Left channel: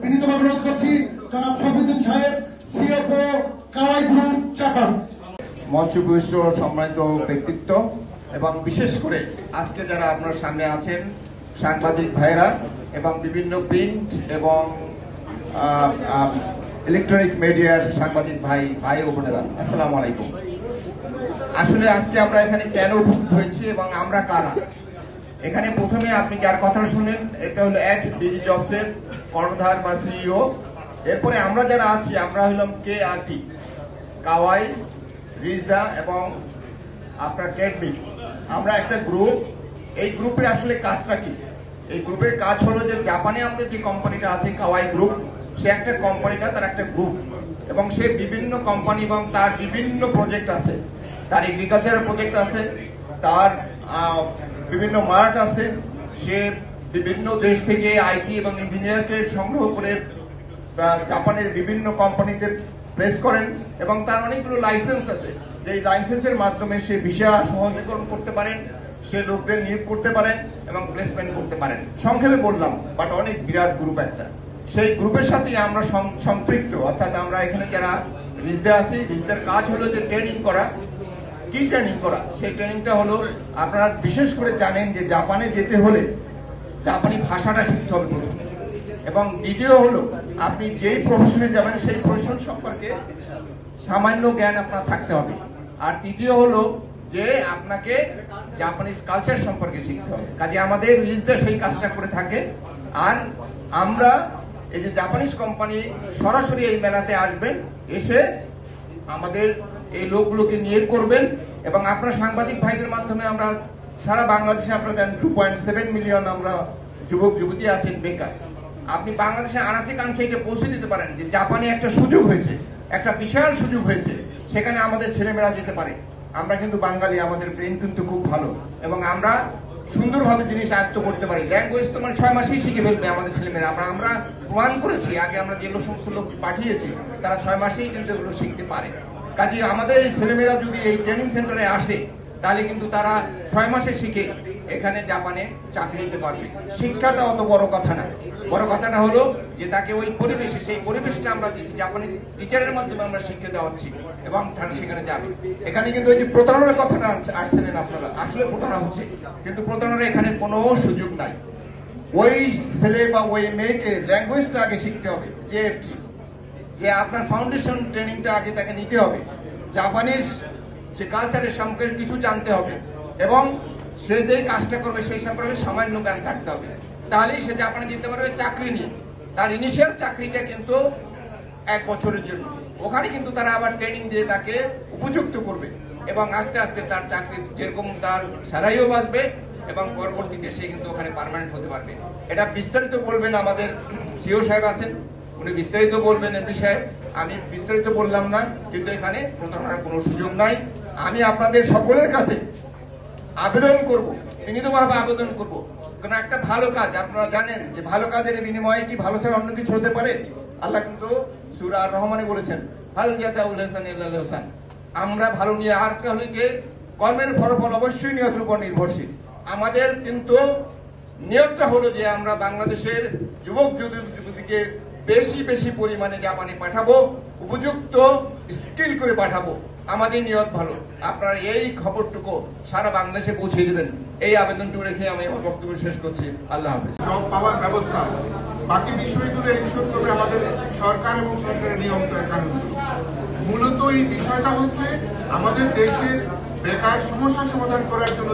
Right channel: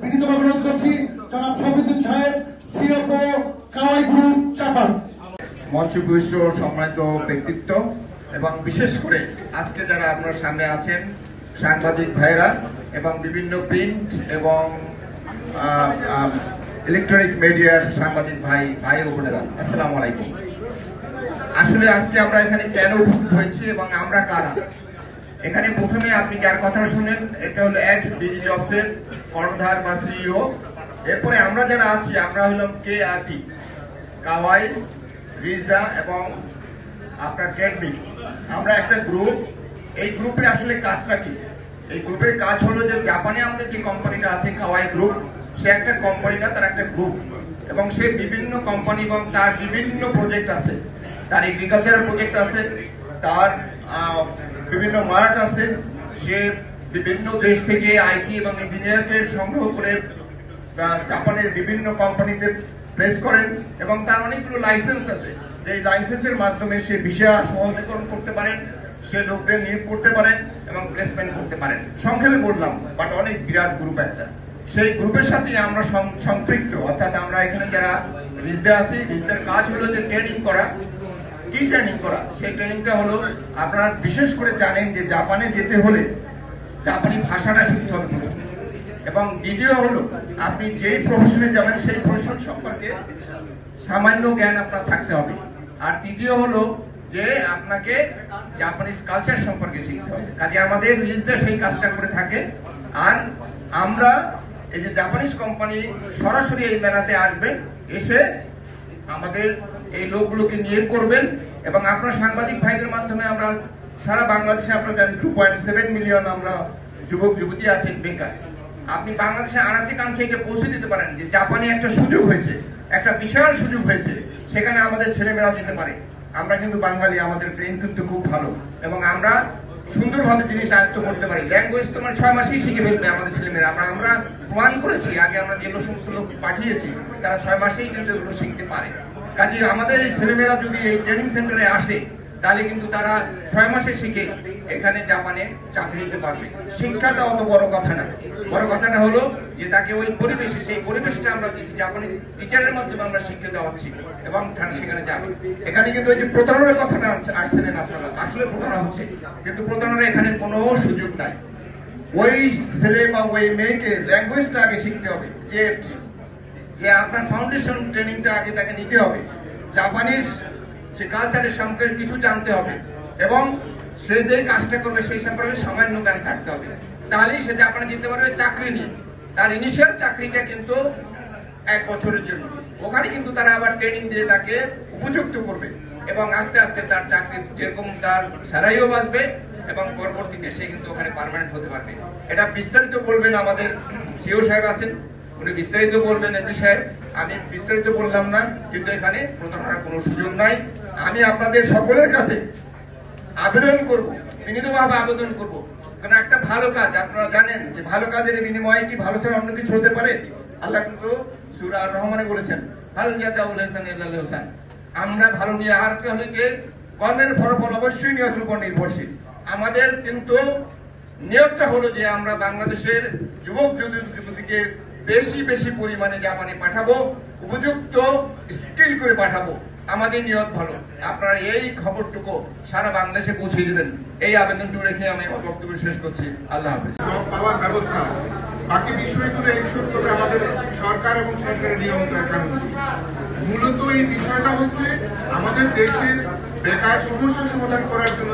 বিনীতভাবে অনুরোধ করছি জনাব শফিকুল সাহেব, সিএফও কাওয়াই গ্রুপ চাপান। মঞ্চপুষ্ট সম্মানিত ব্যক্তিত্ব এবং বিশেষ করে আজকে যারা আপনার সামনে আছেন সাংবাদিক ভাইরা এবং বিভিন্ন প্রিন্ট এবং ইলেকট্রনিক মিডিয়ার সাংবাদিক ভাই ও বোনেরা, আসসালামু আলাইকুম। আসলে আজকে আমরা এখানে কেন উপস্থিত হয়েছি এবং আমরা কারা, এখানে প্রথমে আপনি যার কথা শুনলেন এটা হলো @DigiJobs এর কর্ণধার বা সিইও। এরপরে আমরা যারা আছি আমরা হলাম KRT, কাওয়াই, রিজদা এবং আপনার ট্রেডমিল। আমরা একটা গ্রুপ। এই গ্রুপের আসলে কাজটা কি? এই গ্রুপের কাজ হলো যে জাপানে আমাদের যে কোম্পানিটা আছে কাওয়াই গ্রুপ, সে একটা কোম্পানি না, তার একটা গ্রুপ এবং সে বিভিন্ন কোম্পানি এবং তার বিভিন্ন প্রজেক্ট আছে। তার এগ্রিকালচারাল প্রজেক্ট আছে, তার বিভিন্ন মার্ট আছে। সে বিভিন্ন দেশ থেকে আইটি এবং ইঞ্জিনিয়ারকে সংগ্রহ করে জাপানের বিভিন্ন কোম্পানিতে প্লেস করেন এবং তার অনেকগুলো লাইসেন্স আছে, যে লাইসেন্সের মাধ্যমে সে ভিসা সহজীকরণ করতে পারেন, সে লোকদের নিয়োগ করতে পারেন এবং প্লেসমেন্ট করতে পারেন। সংক্ষেপে বললাম, বাট অনেক বিরাট গ্রুপ একটা। সেই গ্রুপের সাথে আমরা সম্পৃক্ত, অর্থাৎ আমরা এখানে যারা রিজদা আছি, রিজদার কাজ হলো যে ট্রেনিং করা। কি ট্রেনিং করা? সেই ট্রেনিংটা হলো, আপনারা বিশেষ করে জানেন যে জাপানে যেতে হলে জাপানি ভাষাটা শিখতে হবে প্রথম, এবং দ্বিতীয় হলো আপনি যেই প্রফেশনে যাবেন সেই প্রফেশন সম্পর্কে সামান্য জ্ঞান আপনার থাকতে হবে। আর তৃতীয় হলো যে আপনাকে জাপানিজ কালচার সম্পর্কে শিখতে হবে। কাজে আমাদের রিজদা সেই কাজটা করে থাকে। আর আমরা এই যে জাপানিজ কোম্পানি সরাসরি এই মেলাতে আসবেন, এসে আমাদের এই লোকগুলোকে নিয়োগ করবেন এবং আপনার সাংবাদিক ভাইদের মাধ্যমে আমরা সারা বাংলাদেশে, আপনারা জানেন 2.7 মিলিয়ন আমরা যুবক যুবতী আছেন বেকার। আপনি বাংলাদেশে আনাচে কানাচে এটা পৌঁছে দিতে পারেন যে জাপানে একটা সুযোগ হয়েছে, একটা বিশাল সুযোগ হয়েছে, সেখানে আমাদের ছেলেমেয়েরা যেতে পারে। আমরা কিন্তু বাঙালি, আমাদের ব্রেন কিন্তু খুব ভালো এবং আমরা সুন্দরভাবে জিনিস আয়ত্ত করতে পারি। ল্যাঙ্গুয়েজ তোমার 6 মাসেই শিখে ফেলবে আমাদের ছেলেমেয়েরা। আমরা প্রমাণ করেছি, আগে আমরা যে সমস্ত লোক পাঠিয়েছি তারা 6 মাসেই কিন্তু এগুলো শিখতে পারে। কাজে আমাদের এই ছেলেমেয়েরা যদি এই ট্রেনিং সেন্টারে আসে তাহলে কিন্তু তারা 6 মাসে শিখে এখানে জাপানে চাকরি নিতে পারবে। শিক্ষাটা অত বড় কথা না, বড় কথাটা হলো যে তাকে ওই পরিবেশে, সেই পরিবেশটা আমরা দিচ্ছি, জাপানি টিচারের মাধ্যমে আমরা শিক্ষা দেওয়াচ্ছি এবং তারা সেখানে যাবে। এখানে কিন্তু ওই যে প্রতারণার কথাটা আসছিলেন আপনারা, আসলে প্রতারণা হচ্ছে, কিন্তু প্রতারণার এখানে কোনো সুযোগ নাই। ওই ছেলে বা ওই মেয়েকে ল্যাঙ্গুয়েজটা আগে শিখতে হবে, যে আপনার ফাউন্ডেশন ট্রেনিংটা আগে তাকে নিতে হবে, জাপানিজ যে কালচারের সম্পর্কে কিছু জানতে হবে এবং সে যে কাজটা করবে সেই সম্পর্কে সামান্য জ্ঞান থাকতে হবে। তাহলেই সে জাপানে যেতে পারবে চাকরি নিয়ে। তার ইনিশিয়াল চাকরিটা কিন্তু 1 বছরের জন্য, ওখানে কিন্তু তারা আবার ট্রেনিং দিয়ে তাকে উপযুক্ত করবে এবং আস্তে আস্তে তার চাকরি যেরকম তার স্যালারিও বাঁচবে এবং পরবর্তীতে সে কিন্তু ওখানে পার্মানেন্ট হতে পারবে। এটা বিস্তারিত বলবেন আমাদের সিও সাহেব আছেন, উনি বিস্তারিত বলবেন। এমডি সাহেব, আমি বিস্তারিত বললাম না, কিন্তু এখানে প্রতারণার কোনো সুযোগ নাই। আমি আপনাদের সকলের কাছে আবেদন করব, বিনীতভাবে আবেদন করব, কারণ একটা ভালো কাজ, আপনারা জানেন যে ভালো কাজের বিনিময়ে কি ভালো থেকে অন্য কিছু হতে পারে? আল্লাহ কিন্তু সূরা আর রহমানে বলেছেন, হাল জাযাউল ইহসানি ইল্লাল ইহসান। আমরা ভালো নিয়ে আর একটা হলো যে কর্মের ফলাফল অবশ্যই নিয়তের উপর নির্ভরশীল। আমাদের কিন্তু নিয়তটা হলো যে আমরা বাংলাদেশের যুবক যুবতীকে বেশি পরিমাণে জাপানে পাঠাবো, উপযুক্ত স্কিল করে পাঠাবো। আমাদের নিয়ত ভালো। আপনারা এই খবরটুকু সারা বাংলাদেশে পৌঁছে দিবেন, এই আবেদনটুকু রেখে আমি আমার বক্তব্য শেষ করছি। আল্লাহ হাফেজ। জব পাওয়ার ব্যবস্থা আছে, বাকি বিষয়গুলো এনশিওর করবে আমাদের সরকার এবং সরকারের নিয়ন্ত্রণ কানুন। মূলত এই বিষয়টা হচ্ছে আমাদের দেশের বেকার সমস্যা সমাধান করার জন্য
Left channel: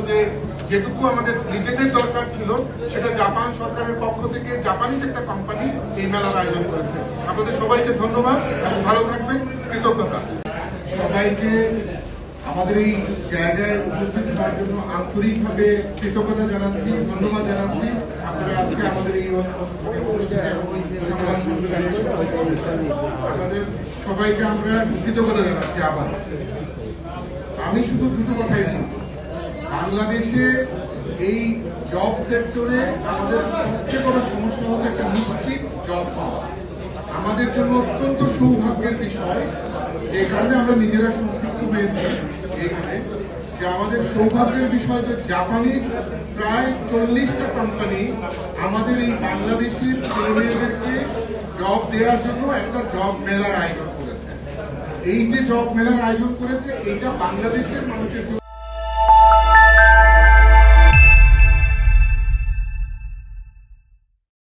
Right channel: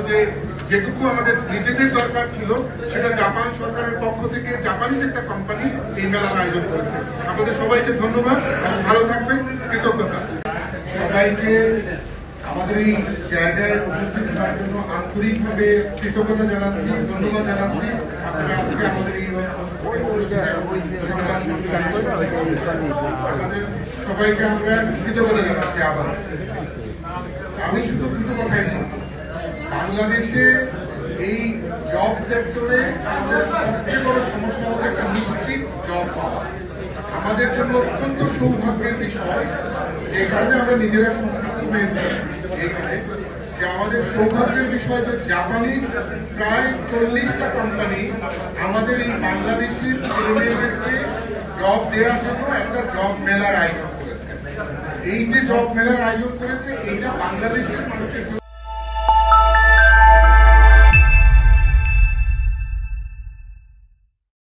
যেটুকু আমাদের নিজেদের দরকার ছিল, সেটা জাপান সরকারের পক্ষ থেকে জাপানিজ একটা কোম্পানি এই মেলার আয়োজন করেছে। আপনাদের সবাইকে ধন্যবাদ এবং ভালো থাকবেন, কৃতজ্ঞতা। সবাইকে আমাদের এই জায়গায় উপস্থিত হওয়ার জন্য আন্তরিকভাবে কৃতজ্ঞতা জানাচ্ছি, ধন্যবাদ জানাচ্ছি। আপনারা আজকে আমাদের এই আপনাদের সবাইকে আমরা কৃতজ্ঞতা জানাচ্ছি। আবার আমি শুধু দুটো কথাই বলব, বাংলাদেশে এই জব সেক্টরে আমাদের সবচেয়ে বড় সমস্যা হচ্ছে একটা নিশ্চিত জব পাওয়া। আমাদের জন্য অত্যন্ত সৌভাগ্যের বিষয়, যে কারণে আমরা নিজেরা সম্পৃক্ত হয়েছি এইখানে, যে আমাদের সৌভাগ্যের বিষয় যে জাপানিজ প্রায় 40টা কোম্পানি আমাদের এই বাংলাদেশের ছেলেমেয়েদেরকে জব দেওয়ার জন্য একটা জব মেলার আয়োজন করেছে। এই যে জব মেলার আয়োজন করেছে, এইটা বাংলাদেশের মানুষের জন্য